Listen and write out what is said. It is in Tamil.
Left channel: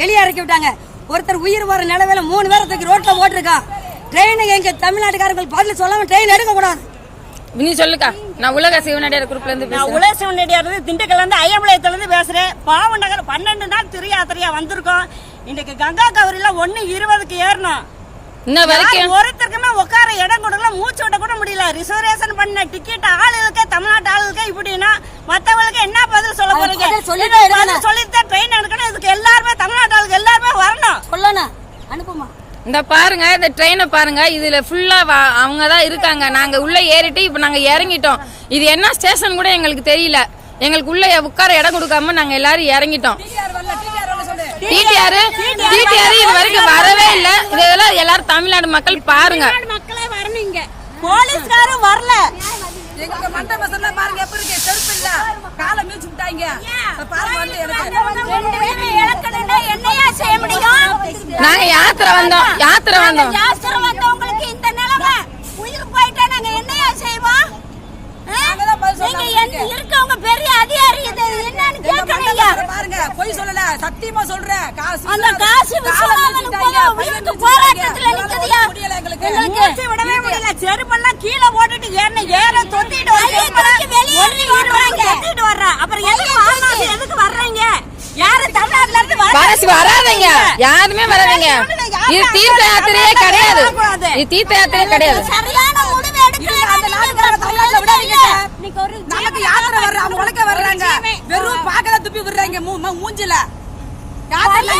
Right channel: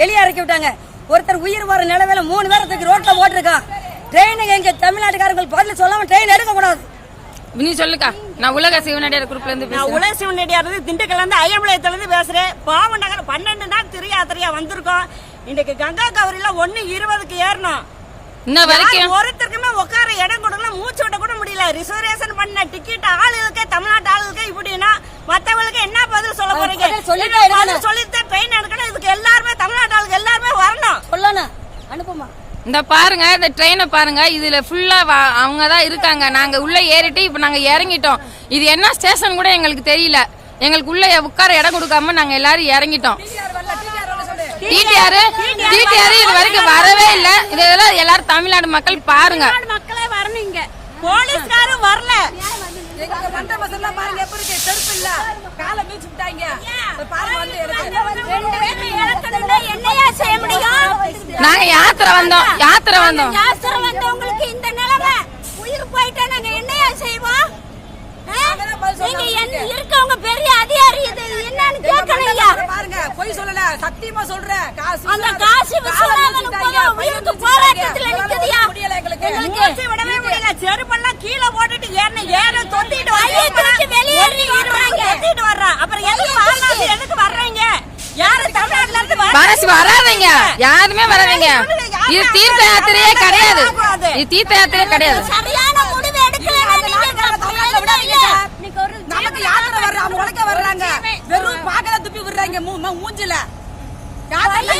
வெளியே இறக்கி விட்டாங்க. ஒருத்தர் உயிர் வர நிலவில மூணு பேரை தூக்கி ரோட்ல போட்டிருக்கான். ட்ரெயினுக்கு எங்க தமிழ்நாட்டுக்காரர்கள் பதில் சொல்லாம ட்ரெயின் எடுக்க கூடாது நீ சொல்லுக்கா. நான் உலக சிவனடியார் குரூப்ல இருந்து நான் உலக சிவனடியார் இருந்து திண்டுக்கல்ல இருந்து ஐயம்பாளையத்துல இருந்து பேசுறேன். பாவ நகர் பன்னெண்டு நாள் திரு யாத்திரையா வந்திருக்கோம். இன்னைக்கு கங்கா கவரில ஒண்ணு இருபதுக்கு ஏறணும். இன்ன வரைக்கும் யார் ஒருத்தருக்குமே உட்கார இடம் கொடுக்கல மூச்சு விட கூட முடியல. ரிசர்வேஷன் பண்ண டிக்கெட் ஆளுகளுக்கு தமிழ்நாட்டு ஆளுகளுக்கு இப்படின்னா மத்தவங்களுக்கு என்ன பதில் சொல்ல போறீங்க? சொல்லிட்டே ட்ரெயின் எடுக்கணும். இந்த பாருங்க இந்த ட்ரெயினை பாருங்க. இதுல ஃபுல்லா அவங்க தான் இருக்காங்க. நாங்க உள்ள ஏறிட்டு இப்ப நாங்க இறங்கிட்டோம். இது என்ன ஸ்டேஷன் கூட எங்களுக்கு தெரியல. எங்களுக்கு உள்ள உட்கார இடம் கொடுக்காம நாங்க எல்லாரும் இறங்கிட்டோம். டிடிஆர் டிடிஆர் இது வரைக்கும் வரவே இல்ல. இதெல்லாம் எல்லாரும் தமிழ்நாடு மக்கள் பாருங்க. போலீஸ்காரும் வரல. எங்க மண்டை மசல்லாம் பாருங்க எப்படி இருக்கு? செருப்பு இல்ல. காலை மீச்சு விட்டாங்க நாங்க யாத்திரை வந்தோம் யாத்திரை வந்தோம். இருக்கவங்க பெரிய அதிகாரி இது என்னன்னு கேட்கலையா? பாருங்க பொய் சொல்லல சத்தியமா சொல்றேன். காசு அந்த காசு உயிருக்கு போராட்டத்துல நிக்குதுயா? முடியல எங்களுக்கு. விடவே முடியல. செருப்பெல்லாம் கீழே போட்டுட்டு ஏற ஏற தொத்திட்டு வர்றாங்க. தொத்திட்டு வர்றா அப்புறம் எதுக்கு எதுக்கு வர்றீங்க? யாரு தமிழ்நாட்டுல இருந்து வராதீங்க. யாருமே வராதீங்க. இது தீர்த்த யாத்திரையே கிடையாது. இது தீர்த்த யாத்திரையே கிடையாது. நமக்கு யாத்திரை வர்ற? அவங்க உழைக்க வர்றாங்க. வெறும் பாக்கல துப்பி விடுறாங்க. மூஞ்சில. யாத்திரை